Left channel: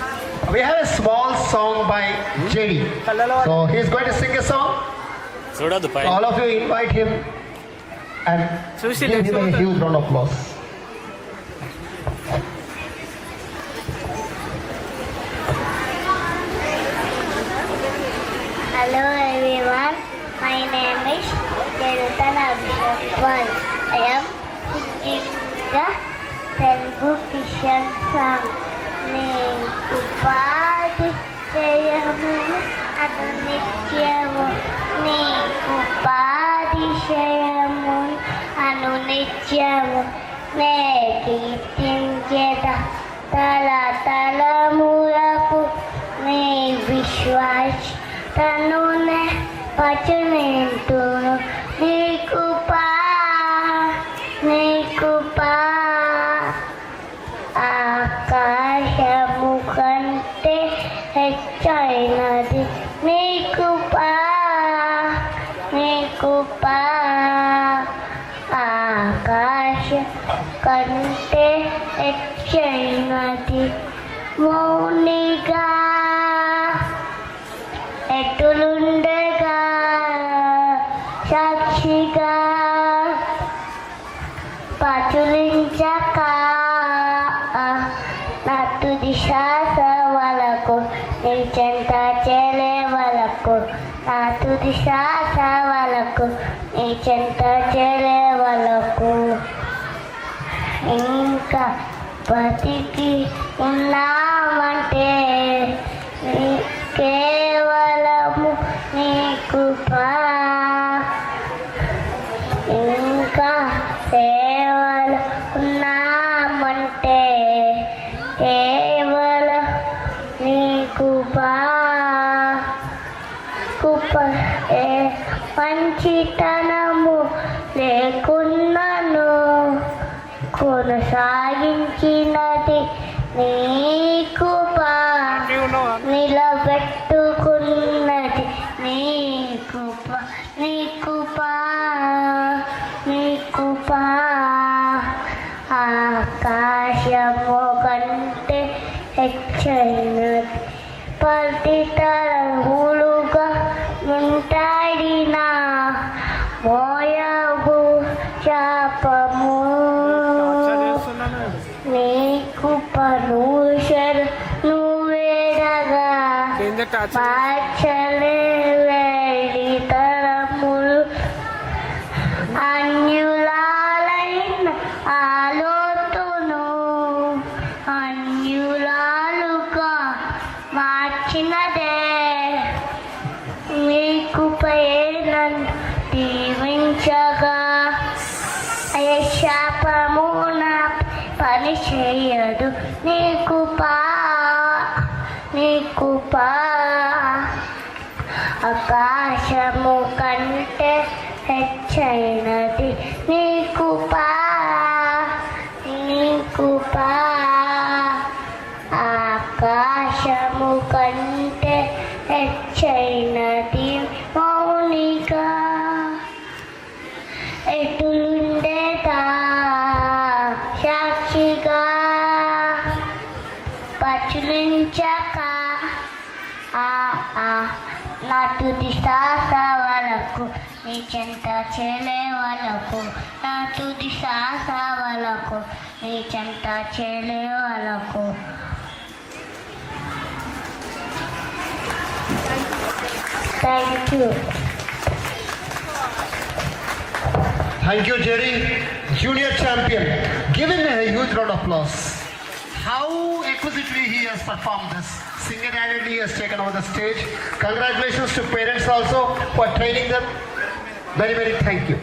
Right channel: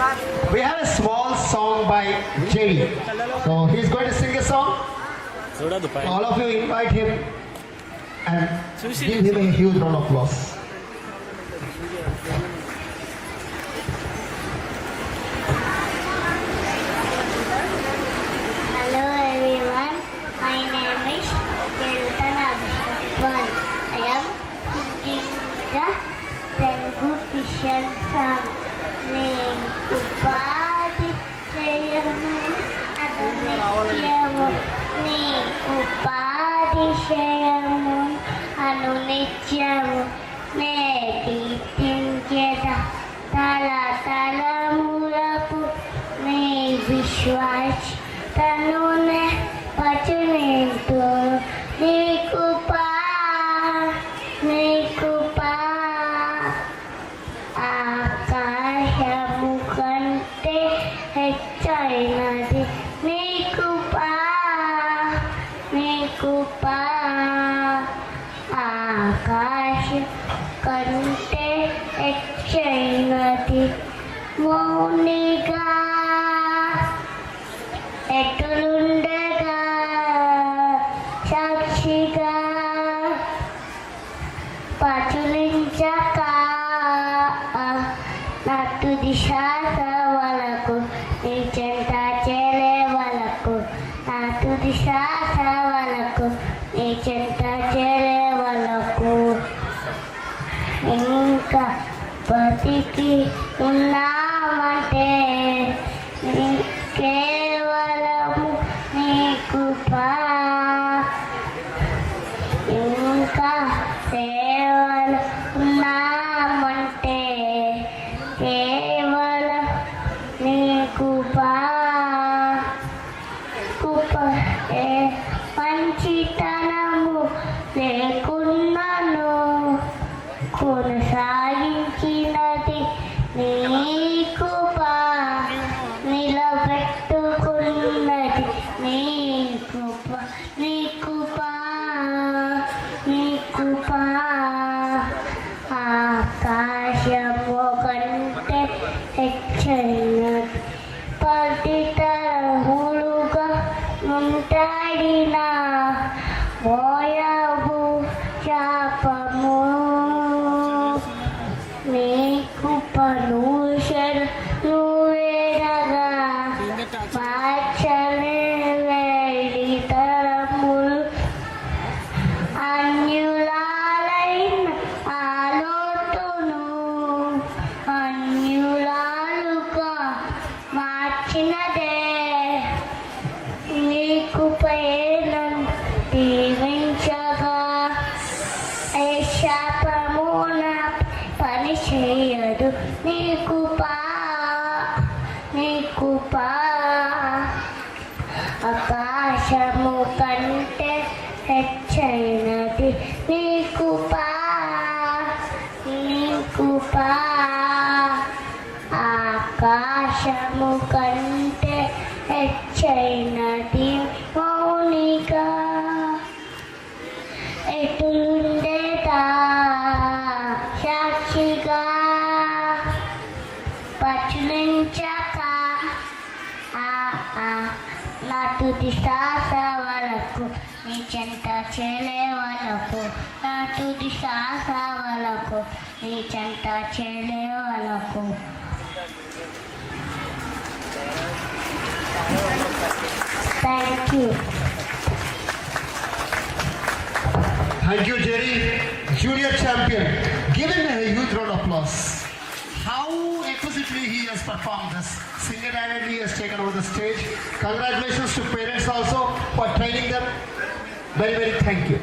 We have a small song by JD. So he's going to sing a song. All of you invite him and give him a huge round of applause. Hello everyone, my name is Devitan Abhishek. I am singing the Telugu Christian song. నేను ఉపాధి చేయము అనునిత్యము, నీకు ఉపాధి చేయము అనునిత్యము, నేటి తించేద తలములకు నీ విశ్వాస తనునే పచునింటును, నీకు ఆకాశము కంటే హెచ్చైనది నీకు ఆకాశం కంటే హెచ్చైనది. మౌనిగా ఎటులుండగా సాక్షిగా పచులించక తుది శ్వాస వలకు నీ చెంత చేలే వలకు, తుది శ్వాస వలకు నీ చెంత చేలే వలకు, ఇంకా బతికి ఉన్నామంటే కేవలము నీ కృప, ఇంకా కేవలం ఉన్నామంటే కేవలం నీ కృప. మంచితనము లేకున్నను కొనసాగించినది నీ కృప, నిలబెట్టుకున్నది నీ కృప, నీ కృప, నీ కృప. ఆకాశము కంటే హెచ్చైనది పతితరములుగా ఉంటాడిన మోయబు శాపము, నీ కృపను నువ్వేరగా మార్చలేని తరములు అన్యులైన ఆలోతును అన్యులాలుగా మార్చినదే నీ కృపేనన్ను దీవించగా, ఏ శాపమున పని చేయదు నీ కృప, నీ కృప. ఆకాశము కంటే హెచ్చైనది నీ కృప, నీ కృప. ఆకాశము కంటే హెచ్చైనది మౌనిగా ఎటులుండేదా సాక్షిగా పచులించక నా తుది శ్వాస వరకు నీ చెంత చేలే వరకు, నా తుది శ్వాస వరకు నీ చెంత చేలే వరకు. Thank you. Thank you, Jerry. Junior champion. Give him a huge round of applause. How exquisitely he has performed this. Single-handedly he has taken over the stage. Congratulations to parents also for training them. Very, very thank you.